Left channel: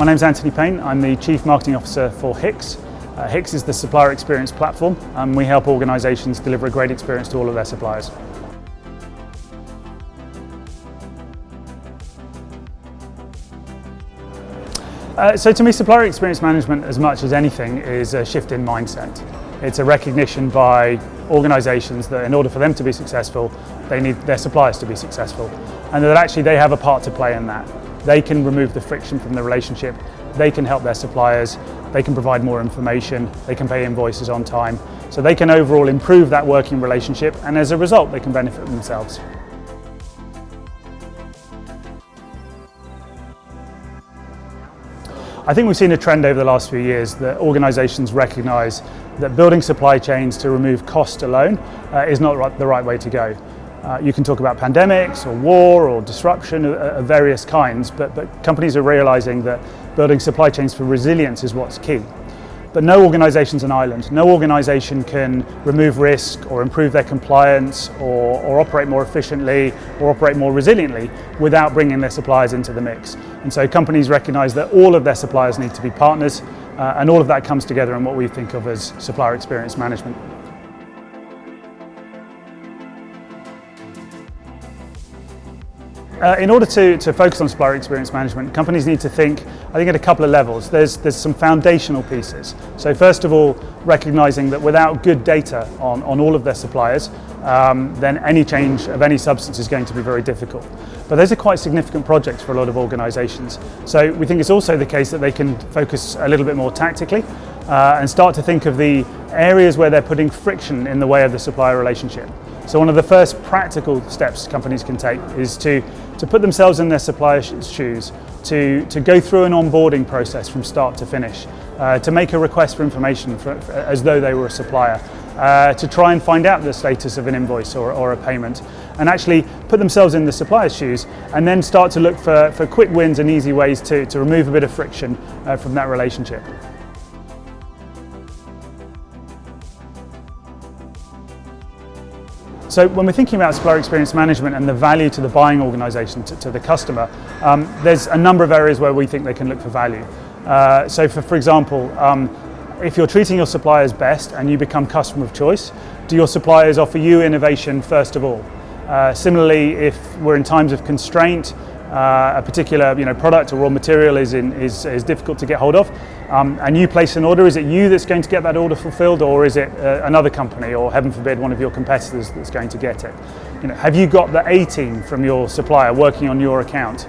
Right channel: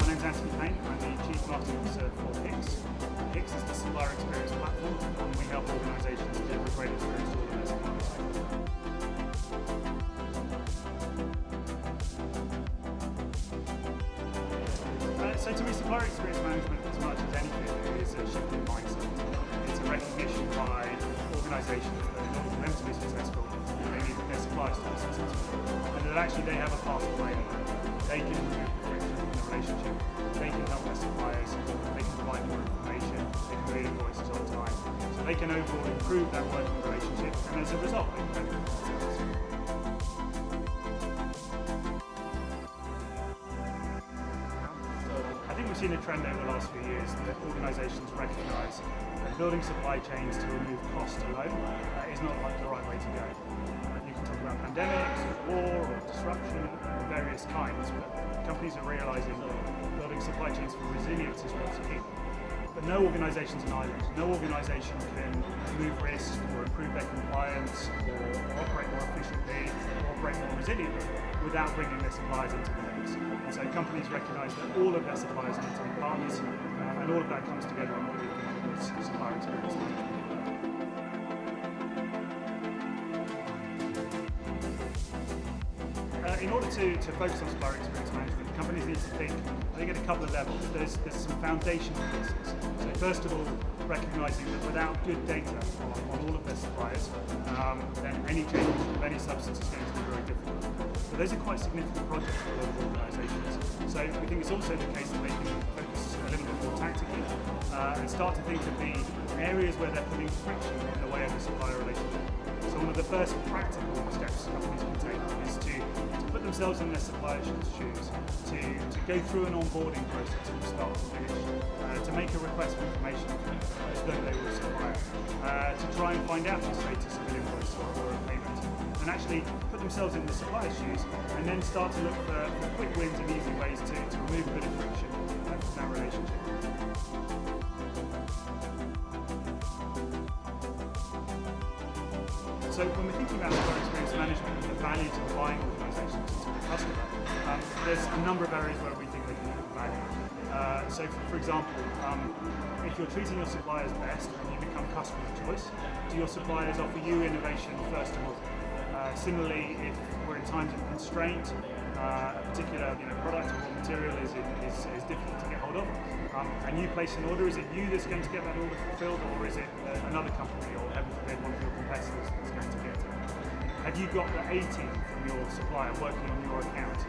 My name's Anthony Payne. I'm the Chief Marketing Officer for HICX. HICX is the Supplier Experience platform, and we help organisations deliver a great experience to all of their suppliers. So to me, supplier experience management, as much as anything, is a shift in mindset. It's a recognition by organisations that in order for them to be successful, they need their suppliers to be successful, and that actually they have a part to play in that. They can remove the friction from the relationship, they can help their suppliers, they can provide more information, they can pay invoices on time, so they can overall improve that working relationship, and as a result they can benefit themselves. I think we've seen a trend over the last few years that organisations recognise that building supply chains to remove cost alone is not the right way to go. You can talk about pandemics or war or disruption of various kinds, but companies are realising that building supply chains for resilience is what's key. But no organisation's an island. No organisation can remove risk or improve their compliance or operate more efficiently or operate more resiliently without bringing their suppliers into the mix. And so companies recognise that all of their suppliers need to be partners, and all of that comes together in what we think of as supplier experience management. In order to focus on supplier experience management, companies need to think, I think, at a couple of levels. There's some foundational pieces. So first of all, recognising that without good data on all of their suppliers, then any change of any substance is going to be very difficult. But those are quite significant projects for a lot of organisations. So we think it's also the case that they can focus a little bit more tactically and start to think of the areas where they're putting friction in the way of the supplier relationship. So one of the first practical steps companies can take is to put themselves in their supplier's shoes, to go through an onboarding process from start to finish, to make a request for information as though they were a supplier, to try and find out the status of an invoice or a payment, and actually put themselves in the supplier's shoes and then start to look for quick wins and easy ways to remove a bit of friction from that relationship. So when we're thinking about supplier experience management and the value to the buying organisation, to the customer, there's a number of areas where we think they can look for value. So for example, if you're treating your suppliers best and you become customer of choice, do your suppliers offer you innovation first of all? Similarly, if we're in times of constraint, a particular product or raw material is difficult to get hold of, and you place an order, is it you that's going to get that order fulfilled, or is it another company, or heaven forbid one of your competitors that's going to get it? Have you got the A team from your supplier working on your account?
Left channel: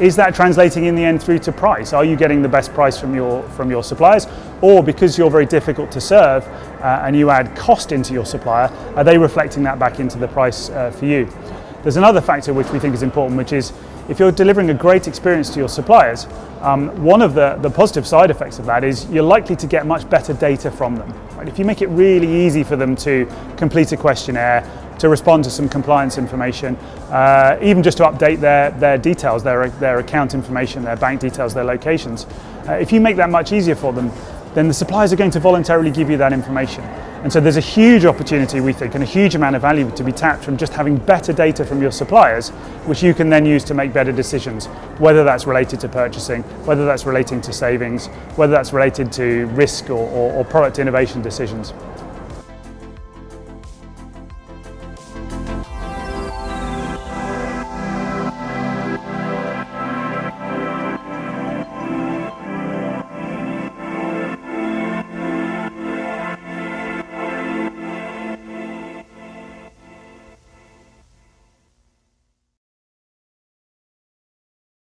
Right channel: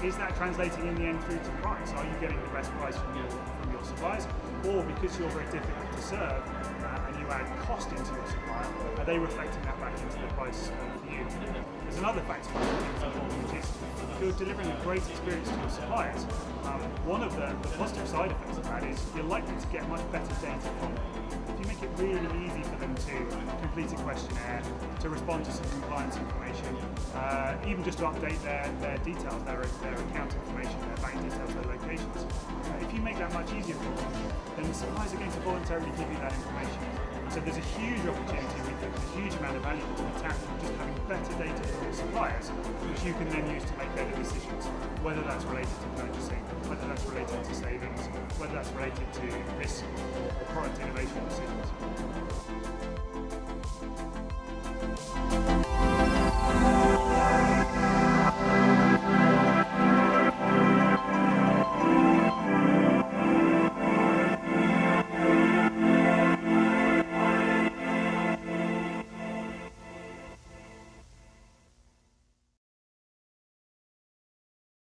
Is that translating in the end through to price? Are you getting the best price from your suppliers, or because you're very difficult to serve and you add cost into your supplier, are they reflecting that back into the price for you? There's another factor which we think is important, which is if you're delivering a great experience to your suppliers, one of the positive side effects of that is you're likely to get much better data from them. Right? If you make it really easy for them to complete a questionnaire, to respond to some compliance information, even just to update their details, their account information, their bank details, their locations, if you make that much easier for them, then the suppliers are going to voluntarily give you that information. And so there's a huge opportunity, we think, and a huge amount of value to be tapped from just having better data from your suppliers, which you can then use to make better decisions, whether that's related to purchasing, whether that's relating to savings, whether that's related to risk or product innovation decisions.